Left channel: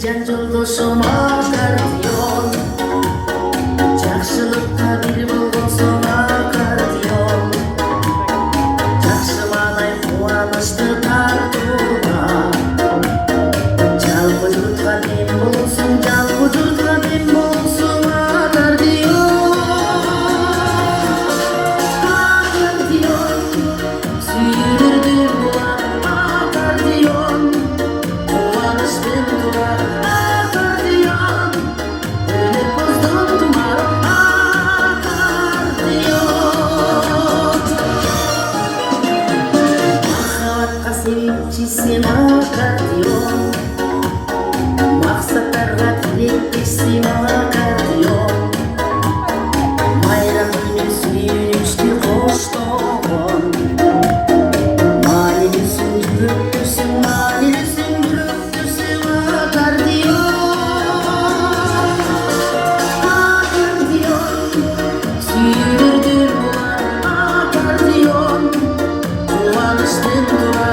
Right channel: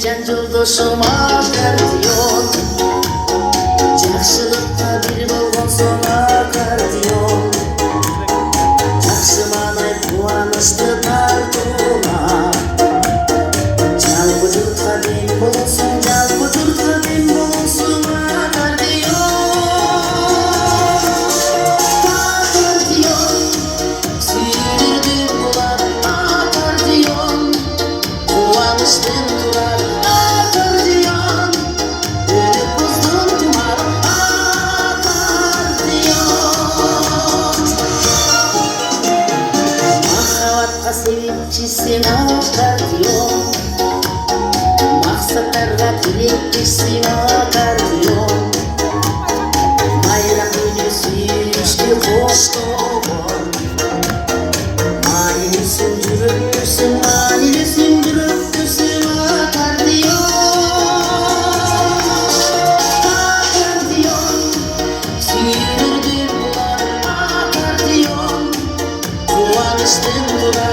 Can joldoşum akardiyon, жақсылыққа bir болған соң аккордеон, жақсымадай қуанышты тартуға, жалпы жұртқа дем болсын, жалпы жұртқа дем болсын аккордеон, сүйдірді бұлар аккордеон, қуаныштың тұрар sevimçisin akkordeon, maqsadlarga tileklisin akkordeon, bayram günü suyunishga qo'shto'g'on, ma'nini sindirib tursin, ma'nini sindirib tursin akkordeon, suydirdi bular akkordeon, quvonishdan turar